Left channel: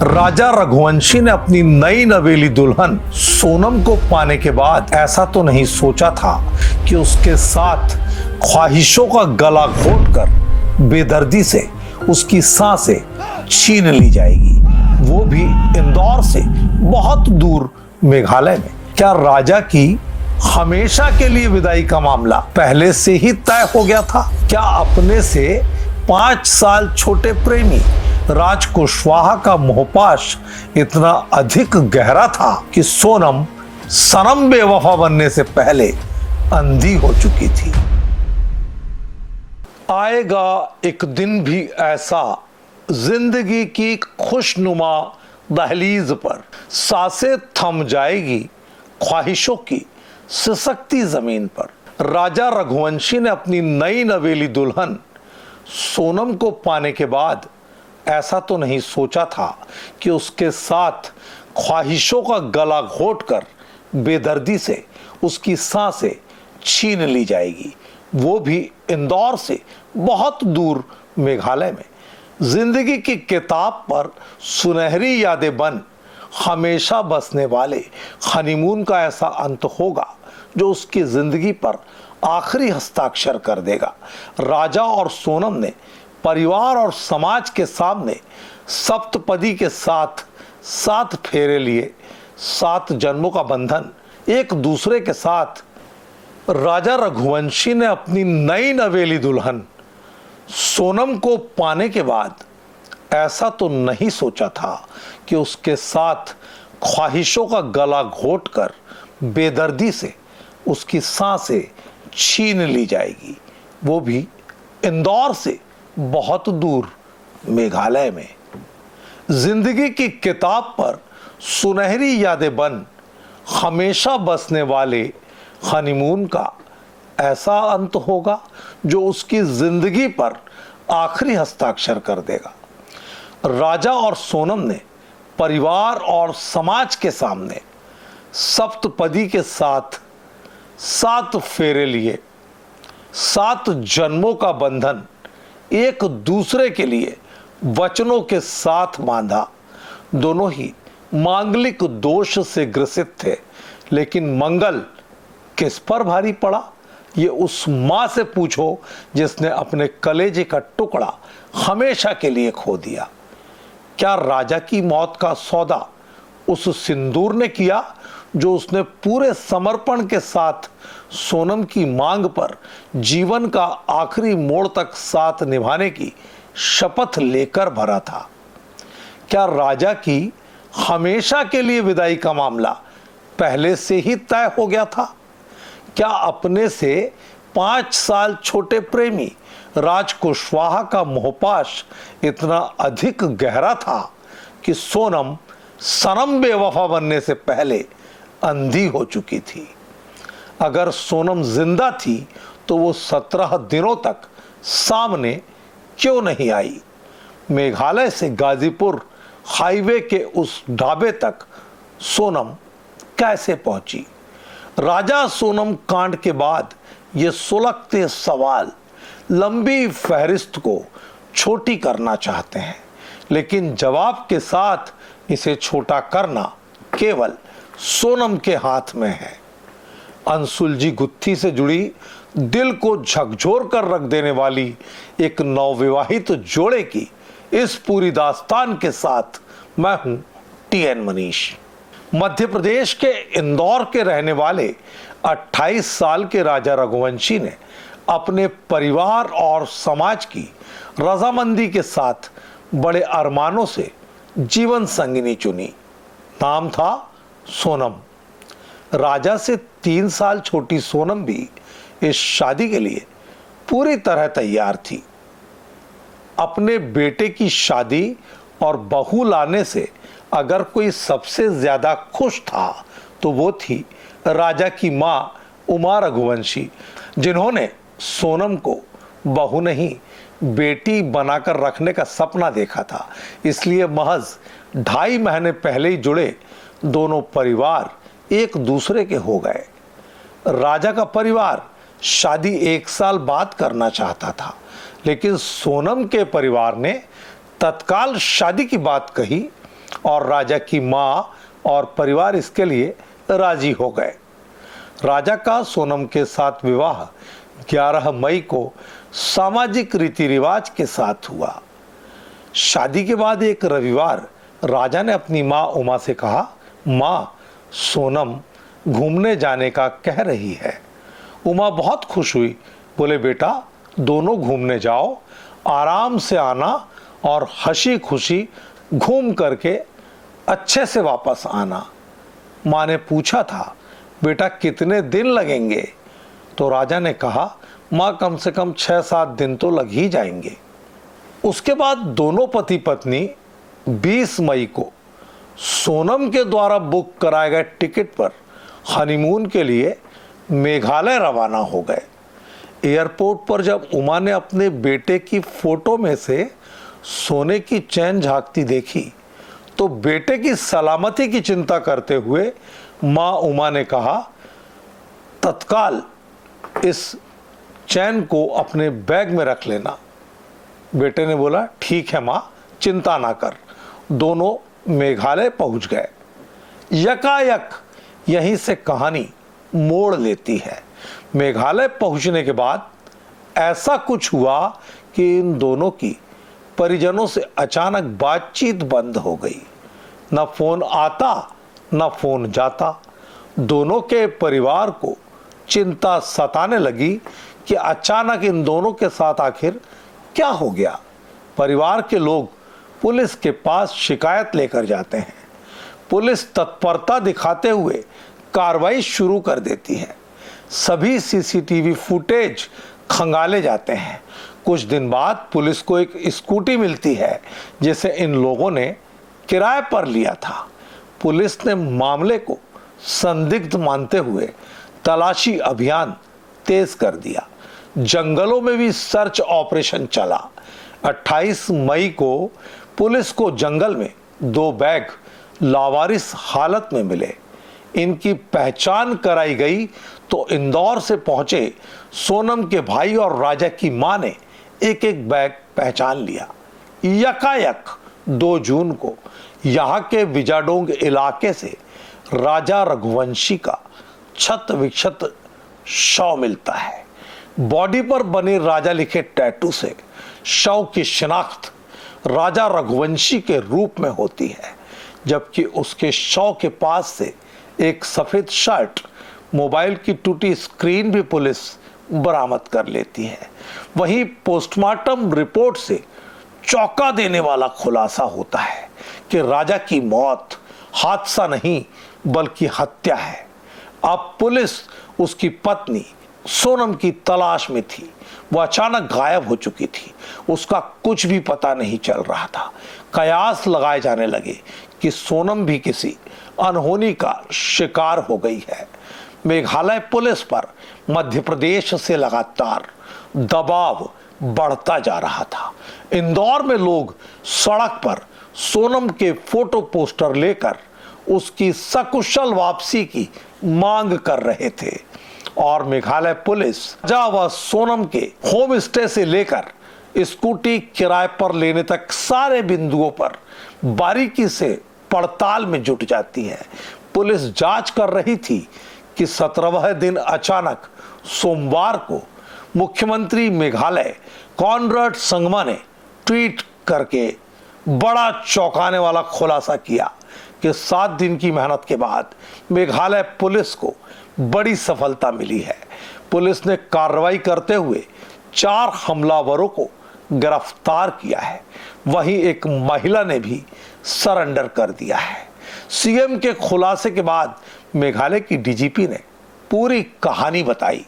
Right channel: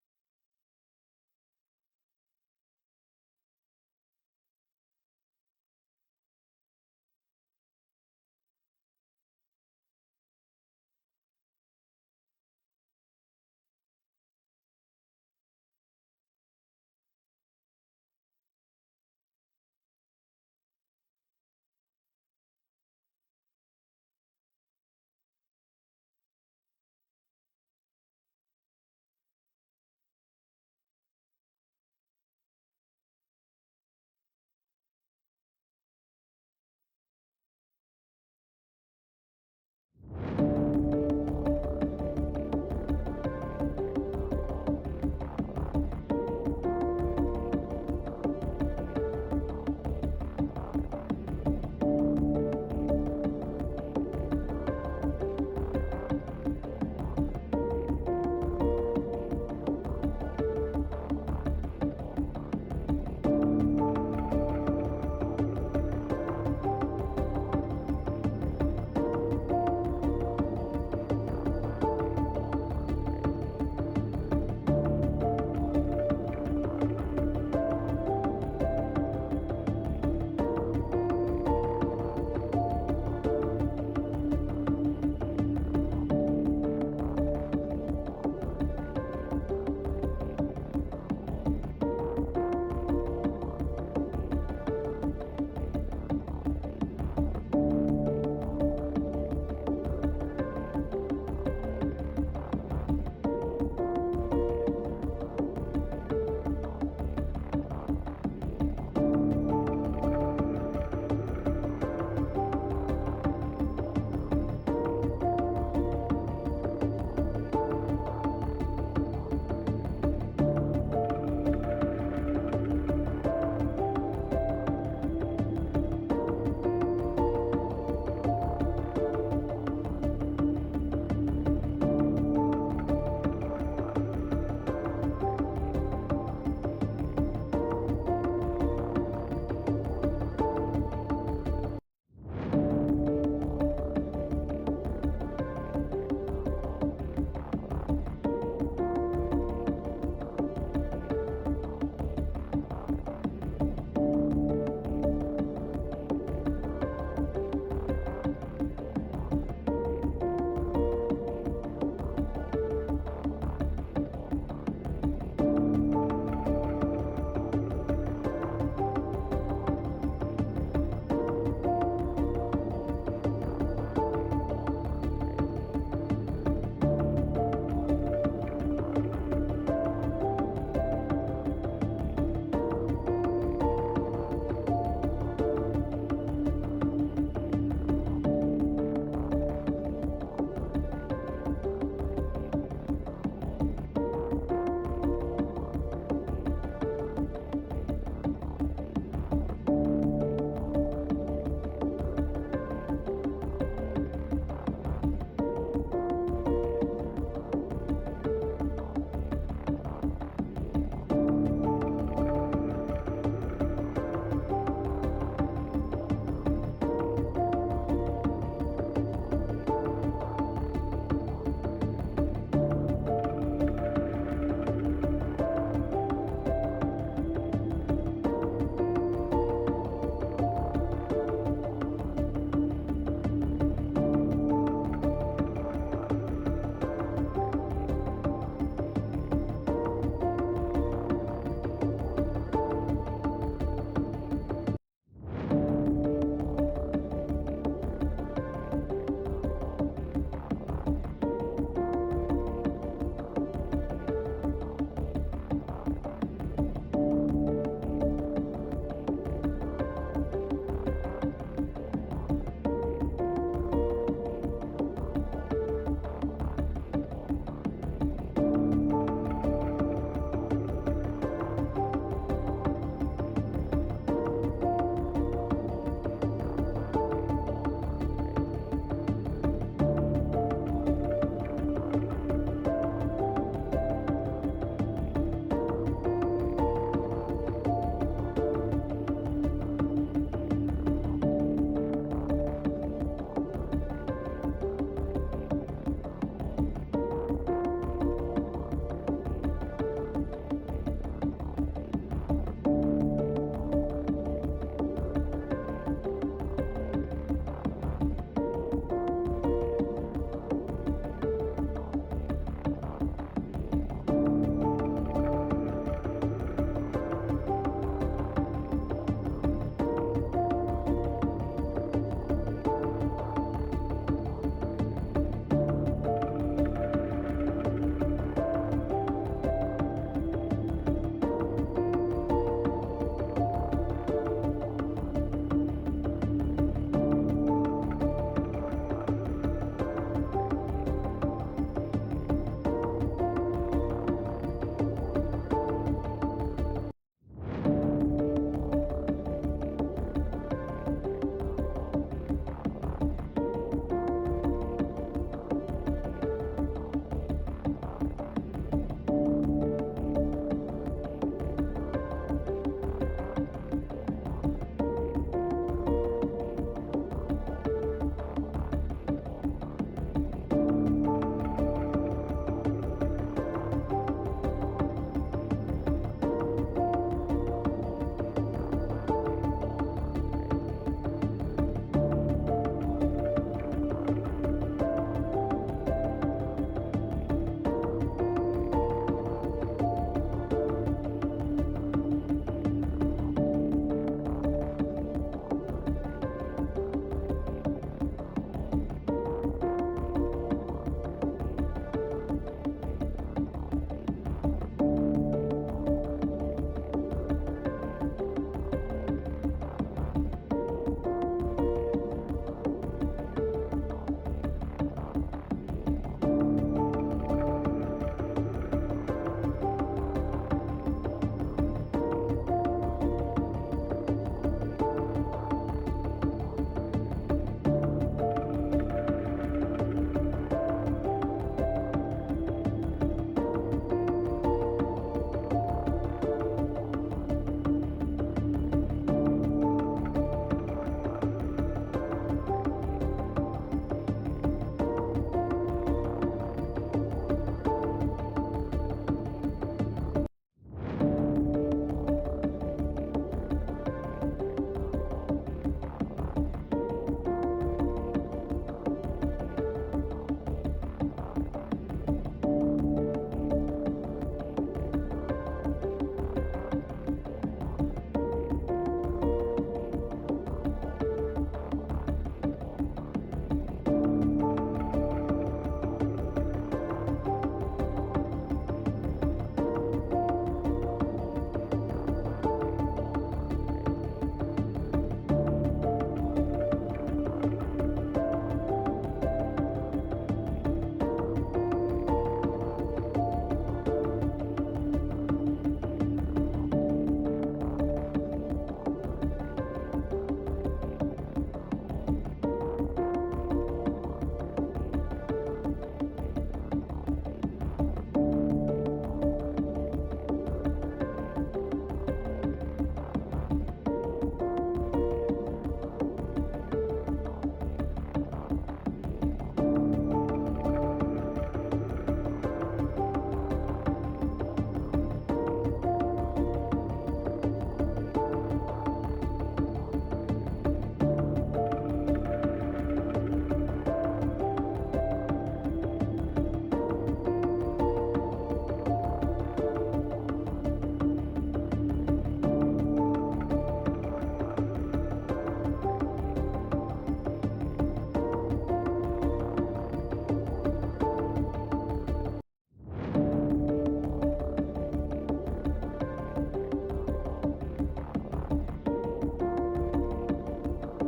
राजा रघुवंशी ने अपनी नई नवेली दुल्हन सोनम को पाने के बाद ऐसा तो नहीं सोचा था कि उसके साथ ख्वाहिशों का गला घोटकर बेदर्दी से उसकी सांसें छीन ली जाएगी, वो भी इंदौर से बहुत दूर मेघालय में। क्या राजा की हमेशा के लिए विदाई का मामला पहले से ही तय हो गया था? क्या अपने से 5 साल छोटे प्रेमी राज कुशवाहा का मोहपाश इतना अधिक गहरा था कि सोनम सनम बेवफा बनने से पहले अंधी हो चुकी थी? आएगा एक दिन भी ऐसा जिंदगी की खुशनुमा दहलीज पर, सांसें थम जाएगी ख्वाहिशों की सिसकती जमीन पर। राजा रघुवंशी ने अपनी नई नवेली दुल्हन सोनम को पाने के बाद ऐसा तो नहीं सोचा था कि उसके साथ ख्वाहिशों का गला घोटकर बेदर्दी से उसकी सांसें छीन ली जाएगी, वो भी इंदौर से बहुत दूर मेघालय में। जिंदगी की किताब पर सुनहरी यादें बन हमेशा बसने वाले हनीमून का ऐसा अंत होगा जो उसकी जिंदगी पर आखिरी हस्ताक्षर कर देगा। राजा और सोनम ने परिवार और समाज के सामने सप्तपदी के साथ 7 फेरे लिए, 7 जन्मों का बंधन एक दूसरे के साथ। राजा रघुवंशी ने अपनी नई नवेली दुल्हन सोनम को पाने के बाद ऐसा तो नहीं सोचा था कि उसके साथ ख्वाहिशों का गला घोटकर बेदर्दी से उसकी सांसें छीन ली जाएगी, वो भी इंदौर से बहुत दूर मेघालय में। जिंदगी की किताब पर सुनहरी यादें बन हमेशा बसने वाले हनीमून का ऐसा अंत होगा जो उसकी जिंदगी पर आखिरी हस्ताक्षर कर देगा। राजा और सोनम ने परिवार और समाज के सामने सप्तपदी के साथ 7 फेरे लिए, 7 जन्मों का बंधन एक दूसरे के लिए वचनों के साथ बांधा। दोनों ही मांगलिक दोष से ग्रसित थे, लेकिन मंगल किस पर भारी पड़ा ये उस मां से पूछो जिसने अपने कलेजे का टुकड़ा हमेशा के लिए खो दिया। क्या राजा की मौत का सौदा उस सिंदूर ने किया जो उसने पूरे समर्पण के साथ सोनम की मांग पर जीवन का आखिरी मोड़ तक साथ निभाने की शपथ लेकर भरा था? क्या राजा की हमेशा के लिए विदाई का मामला पहले से ही तय हो गया था? क्या अपने से 5 साल छोटे प्रेमी राज कुशवाहा का मोहपाश इतना अधिक गहरा था कि सोनम सनम बेवफा बनने से पहले अंधी हो चुकी थी? अगर सोनम जिंदा थी तो वो 17 दिनों तक सामने क्यों नहीं आई? मेघालय से गाजीपुर हाईवे के उस ढाबे तक सोनम कैसे पहुंची? राजा सोनम कांड के बाद ये सुलगते सवाल लंबी फहरिस्त को छोटी करना चाहते हैं, लेकिन जवाब के साथ इसे छोटा करना केवल सोनम के हाथ में है। अनसुलझी गुत्थी से जुड़ी, दिल को झकझोर कर रख देने वाली एक नवविवाहित जोड़े की इस पूरी दास्तान के साथ मैं हूं TN मनीष। मध्य प्रदेश के इंदौर के रहने वाले 28 साल के राजा रघुवंशी ने अपने परिवार और समाज की रजामंदी के साथ बड़े अरमानों से जीवन संगिनी चुनी। नाम था सोनम। राजा से 3 साल छोटी सोनम भी इस शादी के लिए पूरी तरह तैयार थी। अपने बेटे की शादी और बहू लाने से अगर कोई सबसे ज्यादा खुश था तो वो थी राजा की मां उमा रघुवंशी, जिन्होंने सोनम को बहू नहीं बेटी बनाकर रखने का सपना देखा था। इसलिए महज 2.5 महीने पहले ही जुड़े दोनों परिवार एक दूसरे के हो गए। राजा का परिवार शादी 1 साल बाद करना चाहता था, लेकिन सोनम के परिवार ने तत्काल शादी की बात कही और राजा की माँ और परिवार इसके लिए राजी हो गए। राजा का सोनम के साथ विवाह 11 मई को सामाजिक रीति रिवाज के साथ हुआ। शादी के बाद एक रविवार राजा ने अपनी माँ उमा से कहा, माँ, सोनम घूमने जाने का कह रही है। उमा बहुत खुश हुई, बोले, बेटा दोनों घूमने जाओ, आराम से आना और हंसी खुशी घूम करके अच्छे से वापस आना। माँ ने पूछा था, बेटा कितने दिन लगेंगे? तो राजा ने कहा, माँ कम से कम 6-7 दिन तो लग ही जाएंगे। उसके बाद दोनों पति पत्नी 20 मई को सोनम के द्वारा बुक कराए गए टिकट पर हनीमून के लिए मेघालय रवाना हो गए। एयरपोर्ट पर जब उमा ने अपने बेटे की फोटो में से सोने की चैन झांकती देखी तो बेटे की सलामती की चिंता करते हुए मां उमा ने कहा, तत्काल इस चैन को अपने बैग में रख लेना। बेटे ने बोला, ठीक है मां, चिंता ना कर। दोनों मेघालय पहुंच गए। यकायक यहीं से कहानी मोड़ लेती है। मेघालय पहुंचने के बाद ऐसा कुछ हुआ कि इन दोनों की परिजनों से अचानक बातचीत बंद हो गई। न फोन आता न फोन जाता। दोनों के परिवार को चिंता सताने लगी कि अचानक इन दोनों के साथ आखिर क्या हो गया। परिवार के लोग पुलिस के पास शिकायत लेकर जाते हैं। पुलिस तत्परता दिखाते हुए कार्रवाई शुरू कर देती है। सभी सीसीटीवी फुटेज खंगाले जाते हैं। कुछ दिन बाद पुलिस को एक स्कूटी मिलती है जिसे इन लोगों ने किराए पर लिया था। पुलिस ने मामले को संदिग्ध मानते हुए तलाशी अभियान तेज कर दिया। जंगलों में भी सर्च ऑपरेशन चला। 28 मई को पुलिस को जंगल में 2 बैग लावारिस हालत में मिले। इनकी पहचान कराई गई तो इंदौर से पहुंचे सोनम के भाई और राजा की मां ने एक एक बैग पहचान लिया। यकायक 2 जून को यहाँ के विजाडोंग इलाके से राजा रघुवंशी का क्षत विक्षत शव मिलता है। बॉडी पर बने राजा लिखे टैटू से शव की शिनाख्त राजा रघुवंशी के रूप में होती है, जबकि उसके शव के पास से एक सफेद शर्ट, मोबाइल की टूटी स्क्रीन भी पुलिस बरामद कर लेती है। वहीं पोस्टमार्टम रिपोर्ट से चौंका देने वाला खुलासा होता है कि राजा की मौत हादसा नहीं बल्कि हत्या है। अब पुलिस उसकी पत्नी सोनम की तलाश में थी। वह अचानक गायब हो चुकी थी। उसका कुछ भी पता नहीं चल रहा था। कयास लगाए जाने लगे कि सोनम भी किसी अनहोनी का शिकार हो गई है। मेघालय पुलिस पर मध्य प्रदेश से लगातार दबाव बढ़ता जा रहा था। इंदौर में लोग सड़क पर सोनम के फोटो पोस्टर लेकर उसकी सकुशल वापसी की मांग कर रहे थे और मेघालय पुलिस व सोनम के होम स्टे से लेकर स्कूटी किराए पर लेने तक सारे बिंदुओं पर बारीकी से पड़ताल में जुट जाती है। पुलिस जांच कर रही थी कि 17वें दिन अचानक सोमवार को मुख्यमंत्री मेघालय कॉनराड संगमा ने ट्वीट करके बड़ा चौंकाने वाला खुलासा किया कि 7 दिन की मेहनत के बाद मेघालय पुलिस को बड़ी सफलता मिली है। पुलिस ने कार्रवाई करते हुए 4 हमलावरों को गिरफ्तार किया है। वहीं एक महिला ने भी सरेंडर कर दिया है। सीएम के खुलासे के बाद मेघालय की डीजीपी ने पूरी कहानी बताई।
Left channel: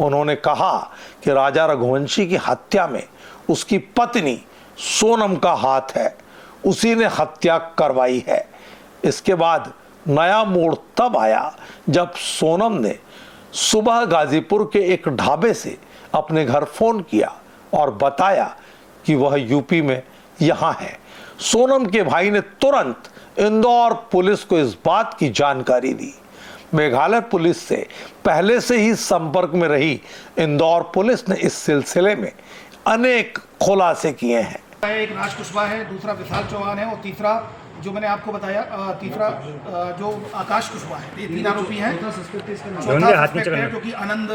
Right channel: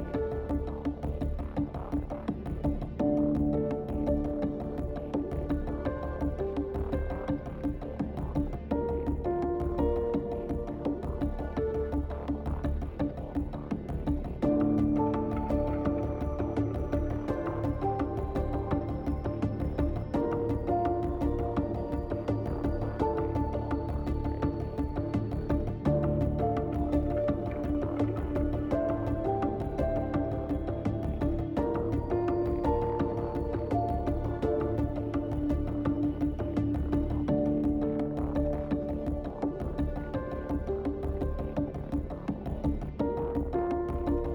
उन्होंने कहा कि राजा रघुवंशी की हत्या में उसकी पत्नी सोनम का हाथ है, उसी ने हत्या करवाई है। इसके बाद नया मोड़ तब आया जब सोनम ने सुबह गाजीपुर के एक ढाबे से अपने घर फोन किया और बताया कि वह यूपी में यहाँ है। सोनम के भाई ने तुरंत इंदौर पुलिस को इस बात की जानकारी दी। मेघालय पुलिस से पहले से ही संपर्क में रही इंदौर पुलिस ने इस सिलसिले में अनेक खुलासे किए हैं। एक राज कुशवाहा है, दूसरा विशाल चौहान है और तीसरा जो मैंने आपको बताया तीसरा जो आकाश कुशवाहा है। ये 3 आरोपी हैं। चौथा सस्पेक्ट है क्योंकि आनंद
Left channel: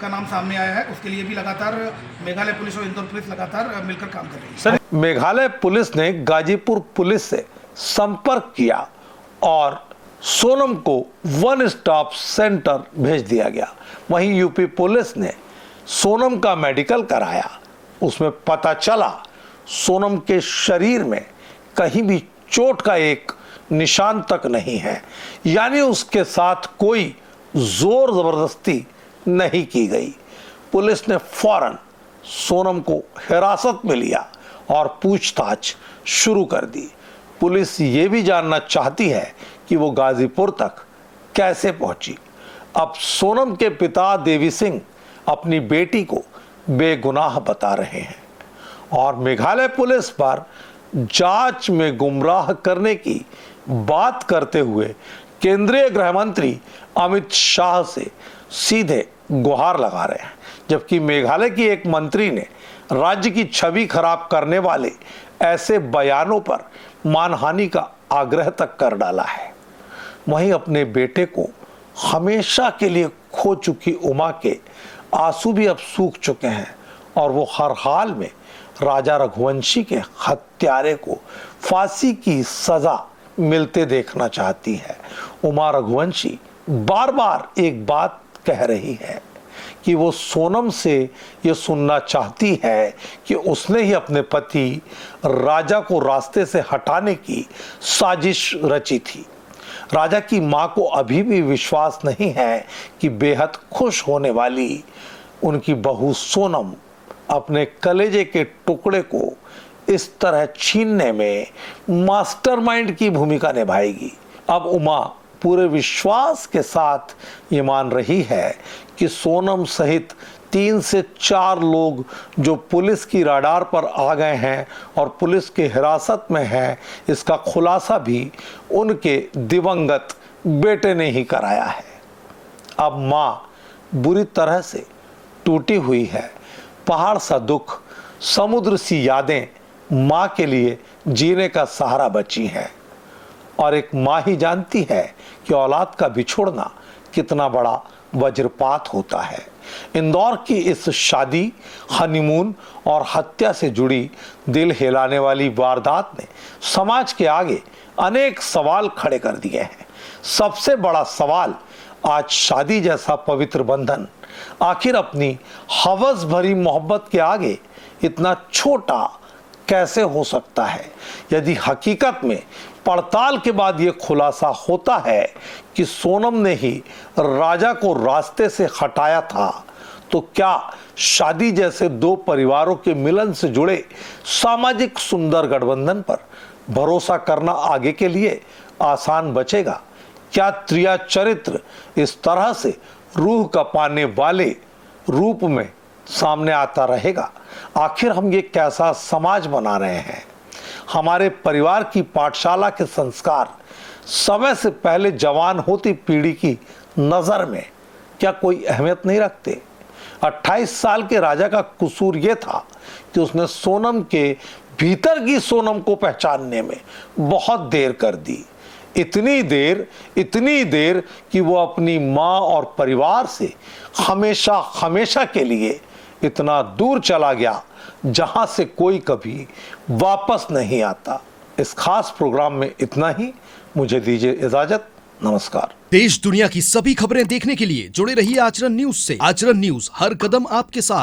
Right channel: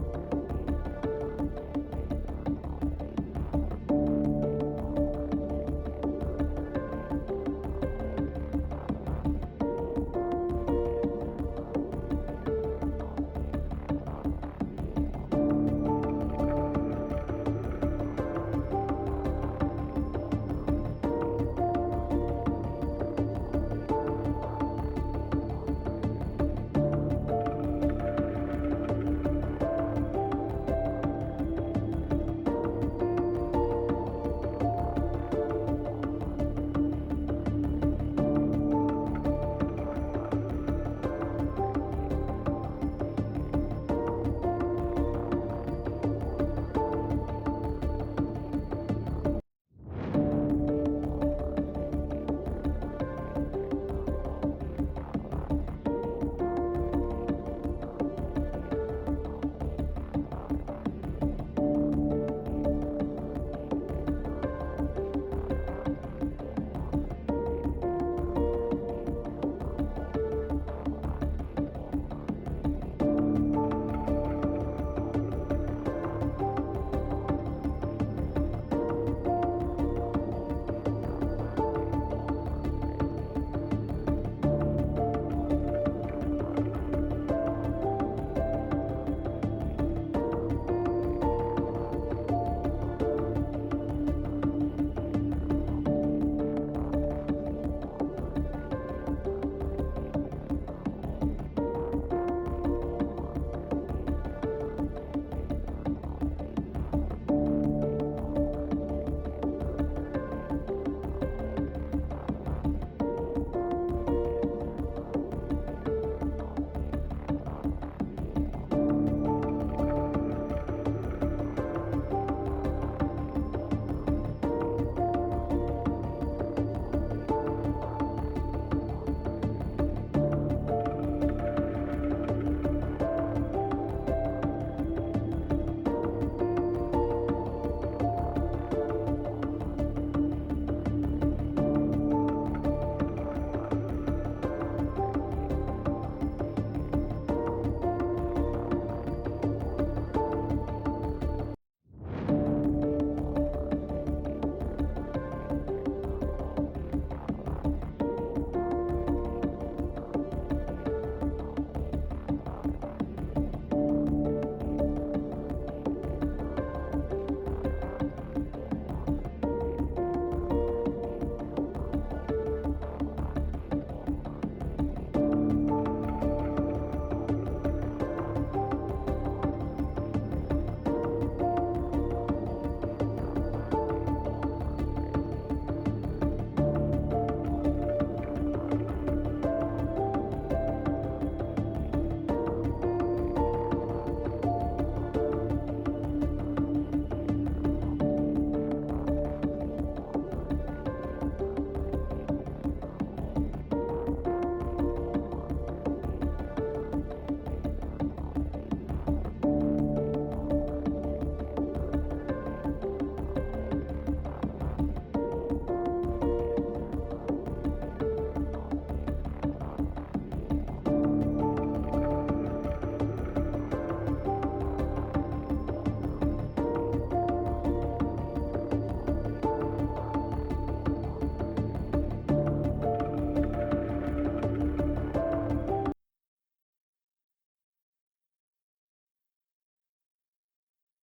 का नाम सामने आया है, उसके लिए भी लगातार मेघालय पुलिस और इंदौर पुलिस लगातार मिलकर काम कर रही है। सर, मेघालय पुलिस ने गाजीपुर पुलिस से संपर्क किया और सोनम को वन स्टॉप सेंटर भेज दिया गया। वहीं यूपी पुलिस ने सोनम का मेडिकल कराया। उसमें पता चला सोनम के शरीर में कहीं भी चोट का एक निशान तक नहीं है, यानी उसके साथ कोई जोर जबरदस्ती नहीं की गई। पुलिस ने फौरन सोनम को हिरासत में लिया और पूछताछ शुरू कर दी। पुलिस ये भी जानना चाहती है कि वो गाजीपुर तक कैसे पहुंची। अब सोनम के पिता देवी सिंह अपनी बेटी को बेगुनाह बता रहे हैं और मेघालय पुलिस पर जांच में गुमराह करने की बात करते हुए केंद्रीय गृह मंत्री अमित शाह से सीधे गुहार लगा रहे हैं, जबकि मेघालय की एक मंत्री ने राज्य की छवि खराब करने वाले ऐसे बयानों पर मानहानि का आग्रह तक कर डाला है। वहीं अपने बेटे को हमेशा के लिए खो चुकी उमा के आंसू भी अब सूख चुके हैं और वो हर हाल में राजा रघुवंशी के हत्यारे को फांसी की सजा मिलते देखना चाहती है। उमा रघुवंशी बार बार एक बात कह रही है कि वो सोनम से ये सुनना चाहती है कि उसने ही अपने पति राजा को रास्ते से हटाने की साजिश रची थी। राजा की मां को अभी भी विश्वास नहीं है कि बेहद खुश होने वाली उनकी बहू सोनम अपने कलेजे के टुकड़े को इस तरह छीनने में मास्टरमाइंड की भूमिका निभाएगी। अब उमा पूरे विश्वास के साथ ये मान रही है कि सोनम सहित 3 से 4 लोग जो पुलिस की रडार पर आ गए हैं और पुलिस के हिरासत में हैं, इसका खुलासा भी उनके दिवंगत बेटे ने ही कराया है। अब मां बुरी तरह से टूटी हुई है। पहाड़ सा दुख, समुद्र सी यादें मां के लिए जीने का सहारा बची हैं और एक मां ही जानती है कि औलाद का बिछोड़ना कितना बड़ा वज्रपात होता है। इंदौर की इस शादी, हनीमून और हत्या से जुड़ी दिल हिलाने वाली वारदात ने समाज के आगे अनेक सवाल खड़े कर दिए हैं। सबसे बड़ा सवाल, आज शादी जैसा पवित्र बंधन आखिर अपनी हवस भरी मोहब्बत के आगे इतना छोटा कैसे हो सकता है। यदि हकीकत में पड़ताल के बाद ये खुलासा होता है कि सोनम ने ही राजा को रास्ते से हटाया था, तो क्या शादी जैसे 2 परिवारों के मिलन से जुड़े सामाजिक सुंदर गठबंधन पर भरोसा करना आगे के लिए आसान बचेगा? क्या त्रिया चरित्र इस तरह से रूह कपाने वाले रूप में सामने आता रहेगा? आखिर हम ये कैसा समाज बना रहे हैं? हमारे परिवार की पाठशाला के संस्कार समय से पहले जवान होती पीढ़ी की नजर में क्या कोई अहमियत नहीं रखते? 28 साल के राजा का कसूर यह था कि उसने सोनम के भीतर की सोनम को पहचानने में बहुत देर कर दी। इतनी देर कि वो अपनी मां और परिवार से हमेशा के लिए इतना दूर चला गया जहां से कोई कभी वापस नहीं आता। इस खास प्रोग्राम में इतना ही। मुझे दीजिए इजाजत। नमस्कार। देश दुनिया की सभी खबरें देखने के लिए जुड़े रहिए आचरण न्यूज से। आचरण न्यूज, हर कदम आपके साथ।